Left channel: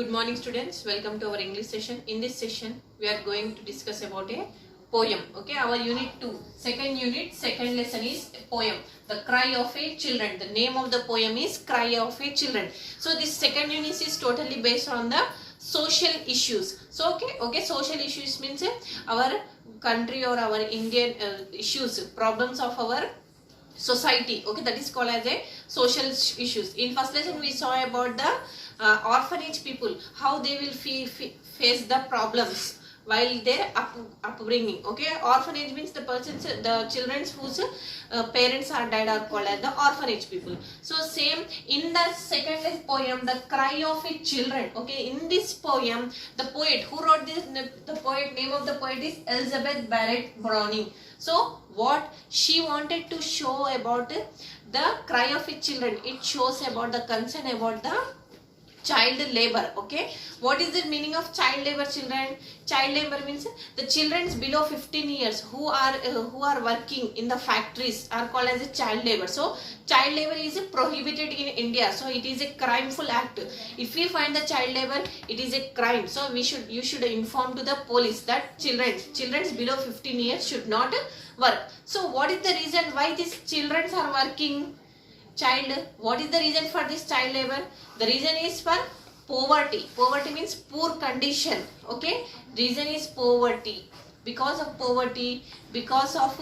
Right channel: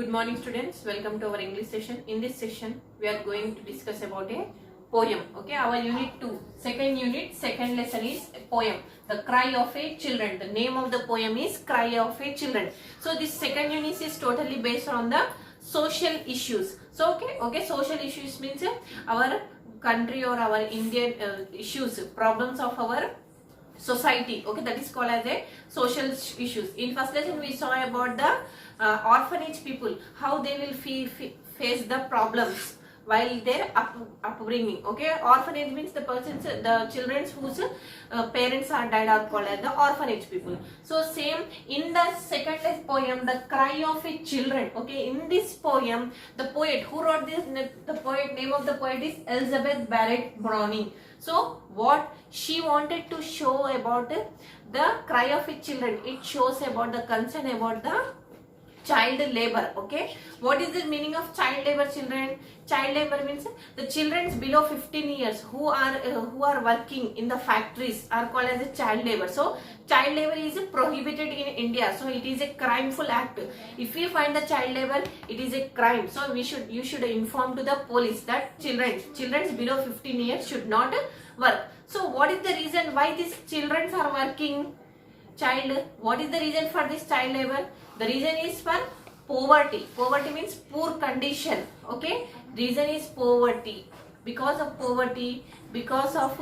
Good morning students, welcome to our English session. In this session we are going to discuss about a poem. Okay, our unit 2, second unit, second lesson is a poem, The Cry of a Children. The name of the poem is Cry of a Children. So this second unit is totally based on the social issues. So okay, social issues means our country or our Indian issues, problems of our society. Okay, that is called as a social issues. In first lesson we saw about the orphanage people, how they will face the problems while their upbringing. Okay, orphanage means the children whose parents are died are called as the orphanage people. So same in the second poem, The Cry of a Children. Okay, in this poem, the poet who wrote this, the poet name of the poet is Elizabeth Barrett Browning. So what she wanted to show about the cry of a children, it shows about the concern about the child labor. Okay, what is the meaning of child labor? Child labor means the children below 15 years who are working in the factories are called as a child labor. So child labor is prohibited in India, so it is a crimeful act. If we find the child labor, it is a crime. So you should inform to the police that children below 15 years should not work. So what is the reason why these children are working? What is the reason for this child labor? The reason is for poverty. Poverty means poor condition. Okay, reason is poverty. Because of poverty, because of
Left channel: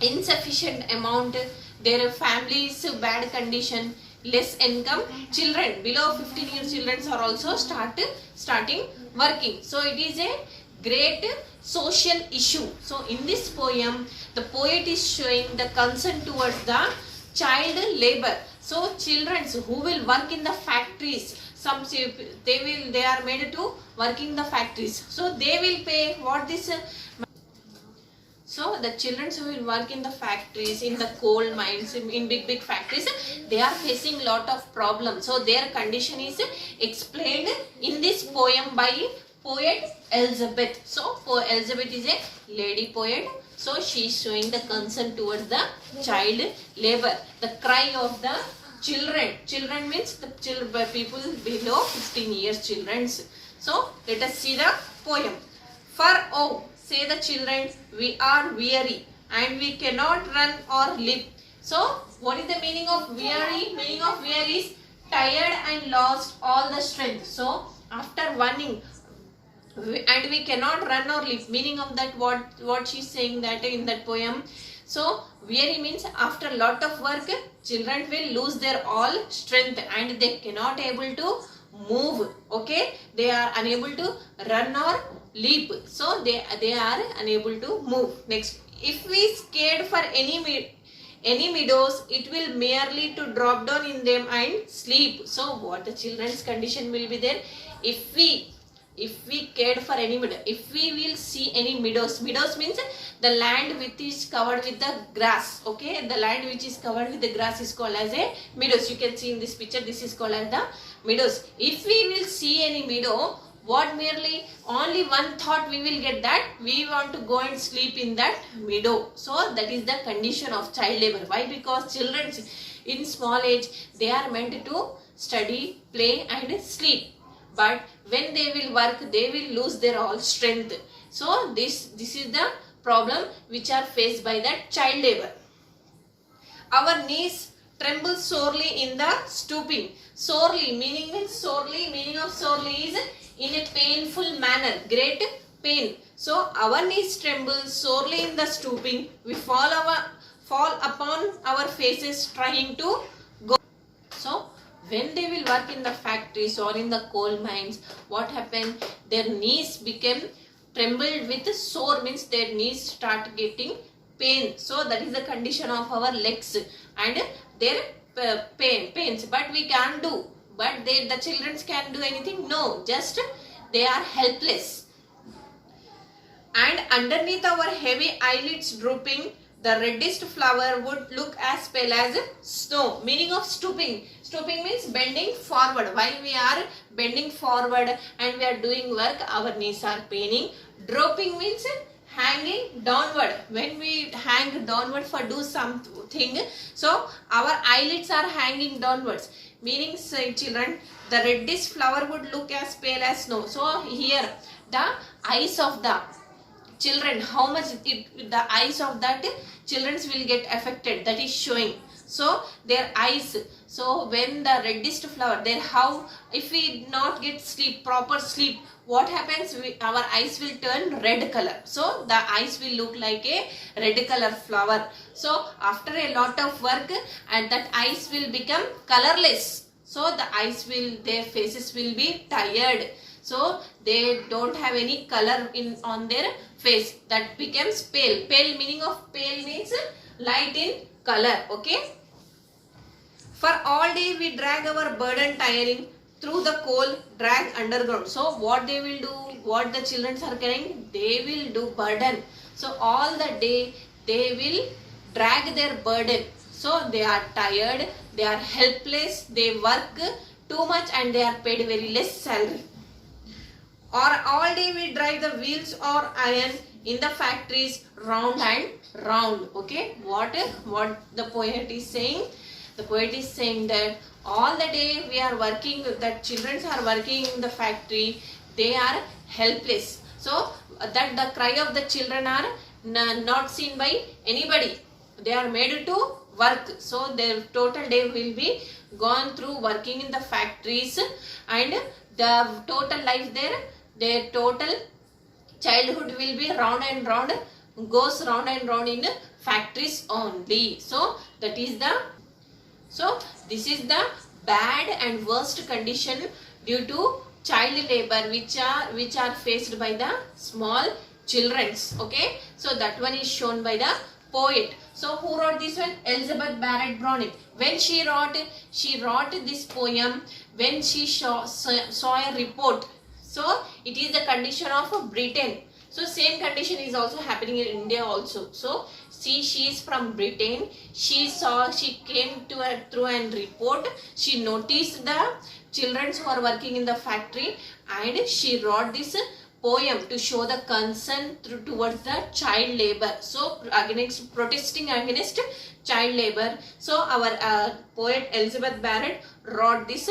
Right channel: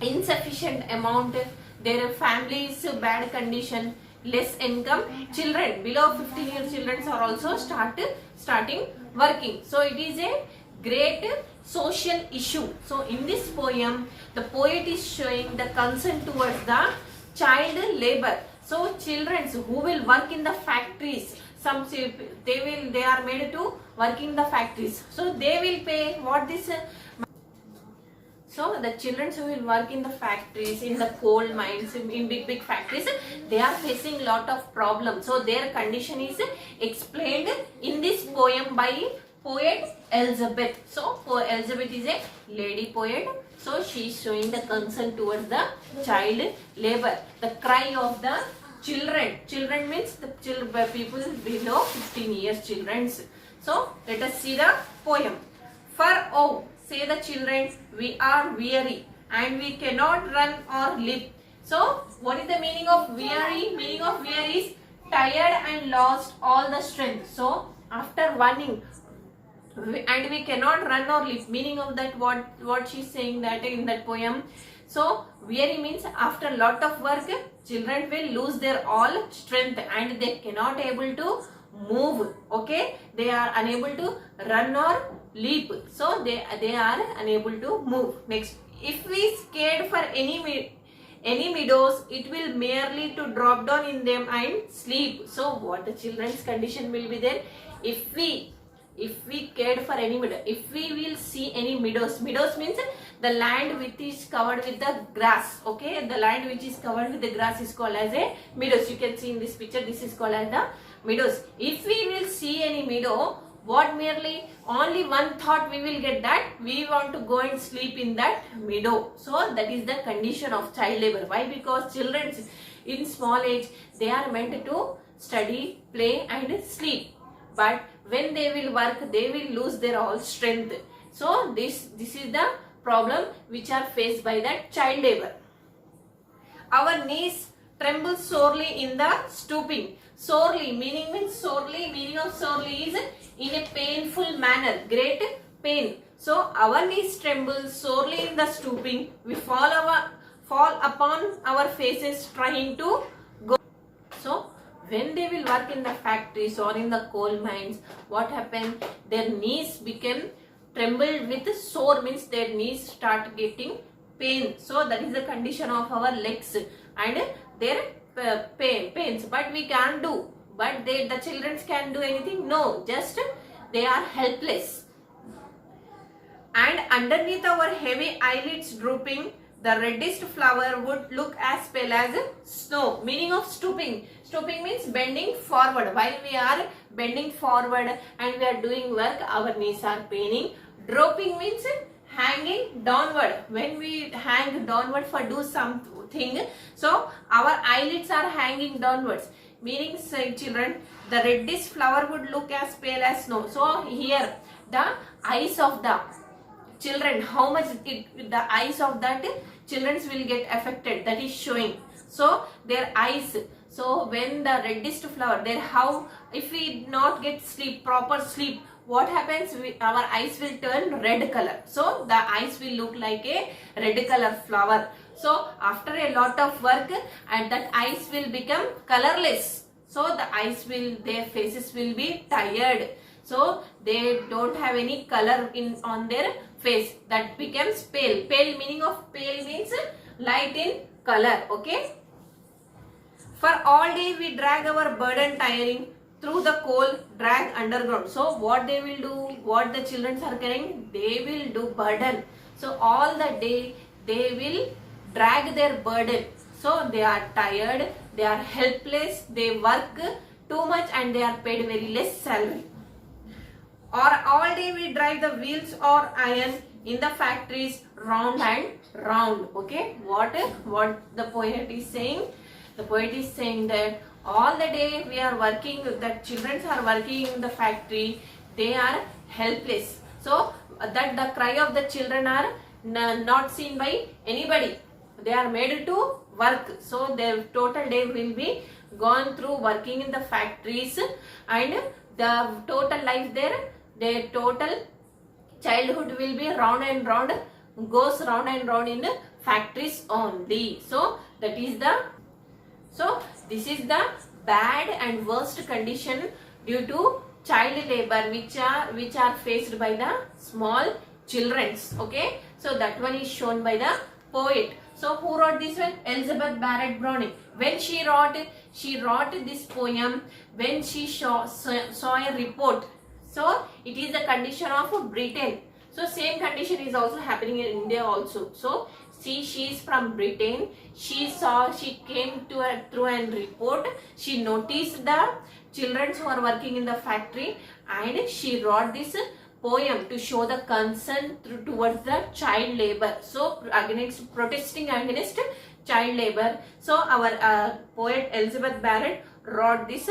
insufficient amount, their families bad condition, less income, children below 15 years children are also starting working. So it is a great social issue. So in this poem, the poet is showing the concern towards the child labor. So children who will work in the factories, they are made to work in the factories, so they will pay what this so the children who will work in the factories, in the coal mines, in big factories, they are facing lot of problems. So their condition is explained in this poem by poet Elizabeth. So Elizabeth is a lady poet. So she is showing the concern towards the child labor, the cry of the children. Children means the people below 15 years children. So let us see the poem. For oh, say the children, we are weary and we cannot run or leap. So what is the meaning of weary? Meaning of weary is tired and lost all the strength. So after running and we cannot run or leap, meaning of that what she is saying that in that poem. So weary means after lot of work children will lose their all strength and they cannot able to move. Okay, they are unable to run or leap, so they are unable to move. Next, if we scared for any meadows, it will merely to drop down in them and sleep. So what the children's condition will be there? If we cared for any meadow, if we will see any meadows means the land which is covered with the grass. Okay, the land which is covered with the grass is called as a meadows. You can see in this picture, this is called as the meadows. If we will see any meadow, what merely only one thought we will get, that we want to go and sleep in that meadow. So that is the condition of child labor. Why? Because children in small age, they are meant to study, play and sleep, but when they will work, they will lose their all strength. So this is the problem which are faced by that child labor. Our knees tremble sorely in the stooping. Sorely meaning of sorely is in a painful manner, great pain. So our knees tremble sorely in the stooping. We fall upon our faces trying to go. So when they will work in the factories or in the coal mines, what happened? Their knees became trembled with sore, means their knees start getting pain. So that is the condition of our legs and their pains. But we can't do. But the children can do anything? No, just they are helpless. And underneath our heavy eyelids drooping, the reddest flower would look as pale as snow. Meaning of stooping. Stooping means bending forward. While we are bending forward and we are doing work, our knees are paining. Drooping means hanging downward. When we hang downward for do something, so our eyelids are hanging downwards. meaning say children, the reddish flower would look as pale as snow. So here the eyes of the children, how much the eyes of that children will get affected, that is showing. So their eyes, so when the reddest flower there, how if we not get sleep, proper sleep, what happens, our eyes will turn red color. So the eyes will look like a red color flower. So after a lot of work, and that eyes will become colorless. So the eyes will, their faces will be tired. So they don't have any color in on their face. That becomes pale. Pale, meaning of pale means light in color. Okay. For all day we drag our burden tiring through the coal, drag underground. So what they will do, what the children are carrying, they will do burden. So all the day they will drag their burden. So they are tired, they are helpless, they work too much and they are paid very less salary. Or all day we drive the wheels or iron in the factories round and round. Okay, what the poet is saying? The poet is saying that all the day we are working, that children are working in the factory, they are helpless. So that the cry of the children are not seen by anybody. They are made to work. So their total day will be gone through working in the factories, and the total life there, their total childhood will be round and round, goes round and round in factories only. So that is the, so this is the bad and worst condition due to child labor which are faced by the small childrens. Okay, so that one is shown by the poet. So who wrote this one? Elizabeth Barrett Browning. When she wrote this poem when she saw a report. So it is the condition of Britain. So same condition is also happening in India also. So see, she is from Britain. She came to her through a report. She noticed the children who are working in the factory, and she wrote this poem to show the concern towards the child labor. So protesting against child labor. So our poet Elizabeth Barrett wrote this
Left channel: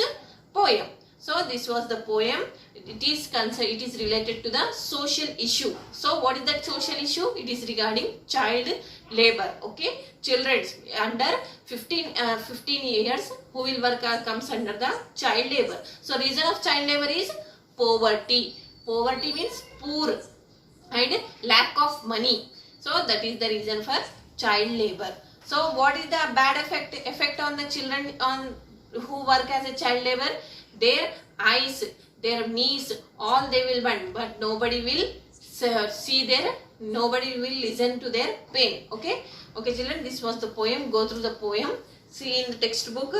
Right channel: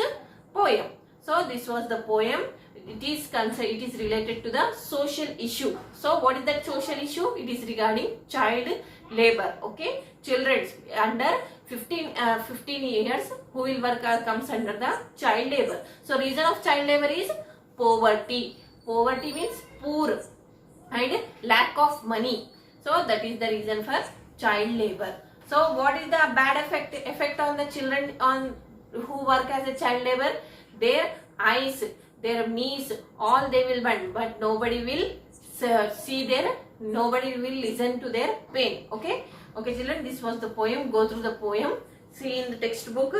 poem. So this was the poem. It is related to the social issue. So what is that social issue? It is regarding child labor. Okay, children under 15 years who will work comes under the child labor. So reason of child labor is poverty. Poverty means poor and lack of money. So that is the reason for child labor. So what is the bad effect on the children on who work as a child labor? Their eyes, their knees, all they will burn, but nobody will see their, nobody will listen to their pain. Okay, children, this was the poem. Go through the poem. See in the textbook,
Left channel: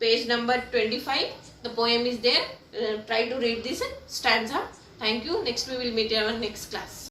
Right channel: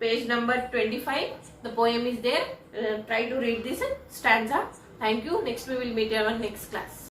page number 25. The poem is there. Try to read this stanza. Thank you. Next we will meet in our next class.